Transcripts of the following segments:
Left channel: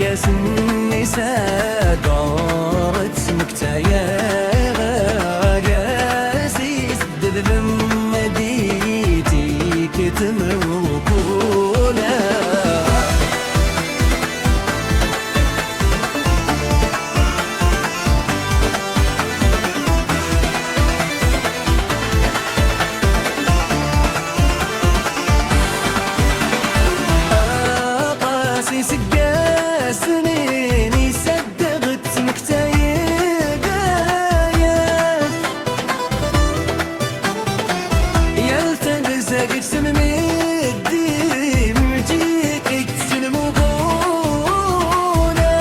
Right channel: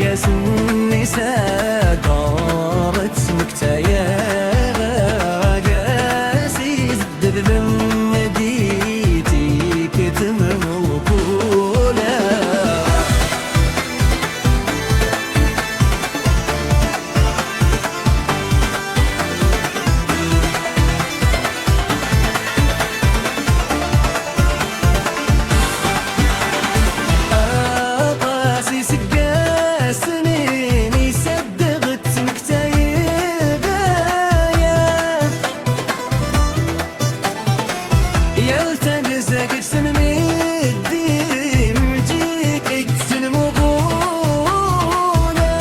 قاس النساء دارت مكتايا قاسي زد ذم ديتي كتم وكولا قاسي سقا سنين يصدقت مكتايبة يلتقزق سممدي مجيك اكتن مغولا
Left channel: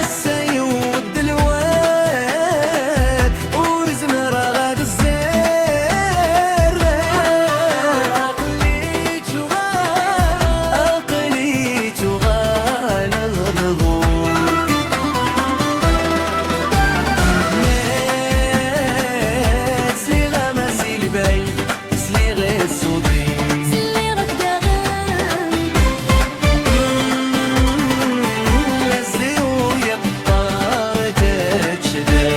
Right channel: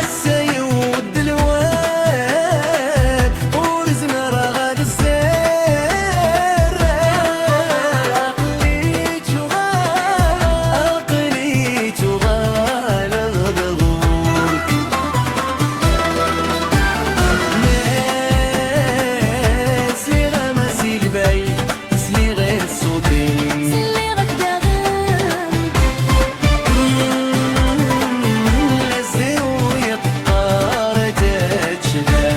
السيود الواد ورزم رغد الزير عقلي تغال الضغور ناس لي غمسي البي سلي غير الصوتين سلي غك داغن لازلي ويقطار تتشدا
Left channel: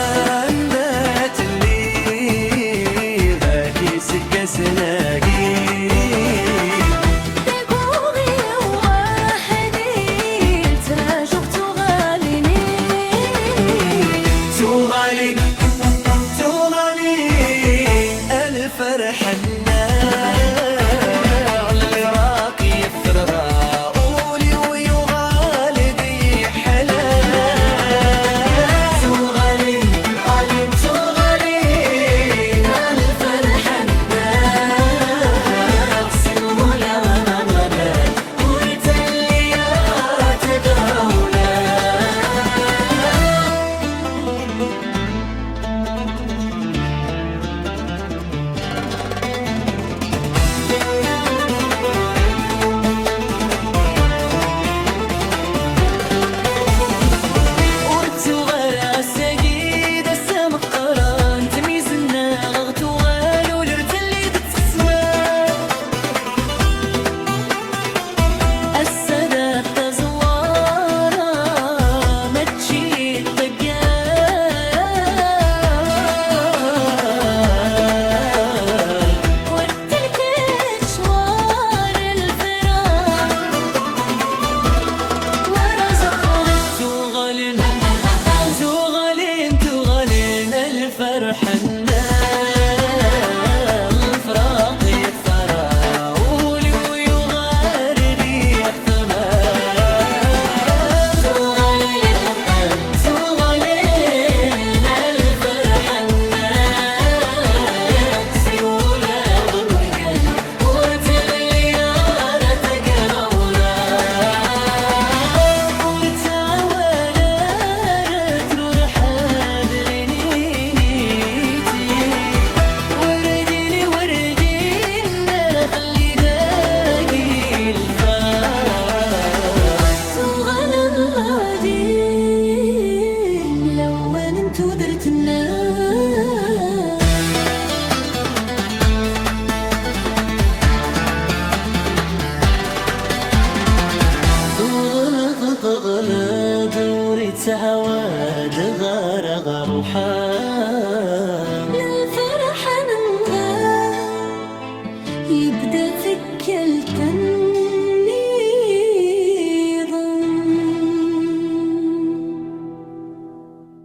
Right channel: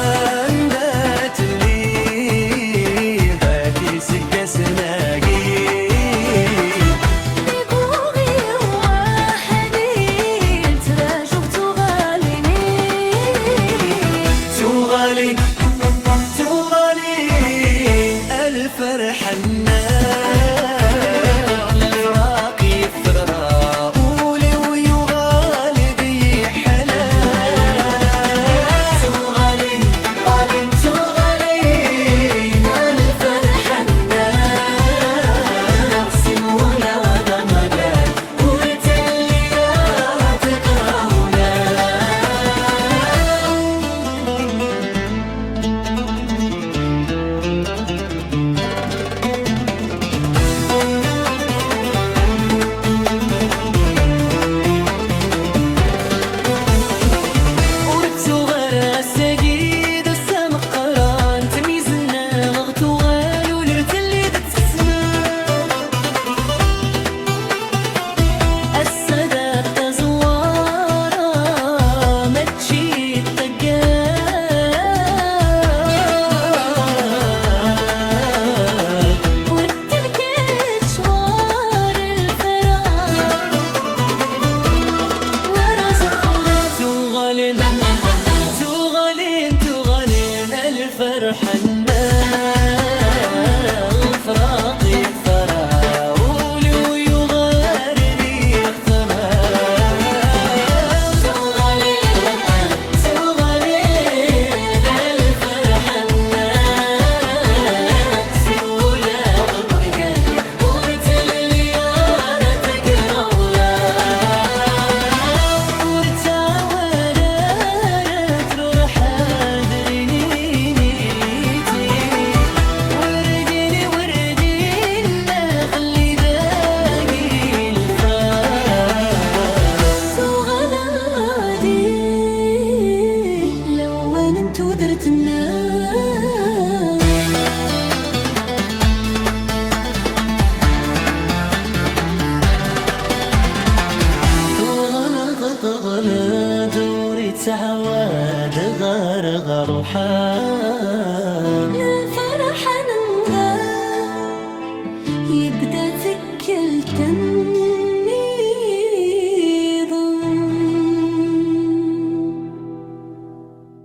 عندت اللي ذاكي سقا سناقي دقوغي واحدي تراجع تغاليني تغالي الفرح الناع على العراق يفرها قولي ويغالبي حلال تغالي الفرح الناع سمويا ومغاد قلت اللي يا تقاولا السجيد السمق قران تميزنا غغت وغالو لرتلي تتسمى السادات تزوارا ما تجي تقال ورتلك شوار الفراق ورزقنا تغالين الفرح الناغ الفراق يحفرها قولي ويغارري يختمام تغالين الفرح الناغ سيولا ومرقل ورت الليارة تقراولا ورت عوالات روح حاضريني درت النار تغلى دوري تعواد غار وحال للفرح ننغى يبدا تكلتن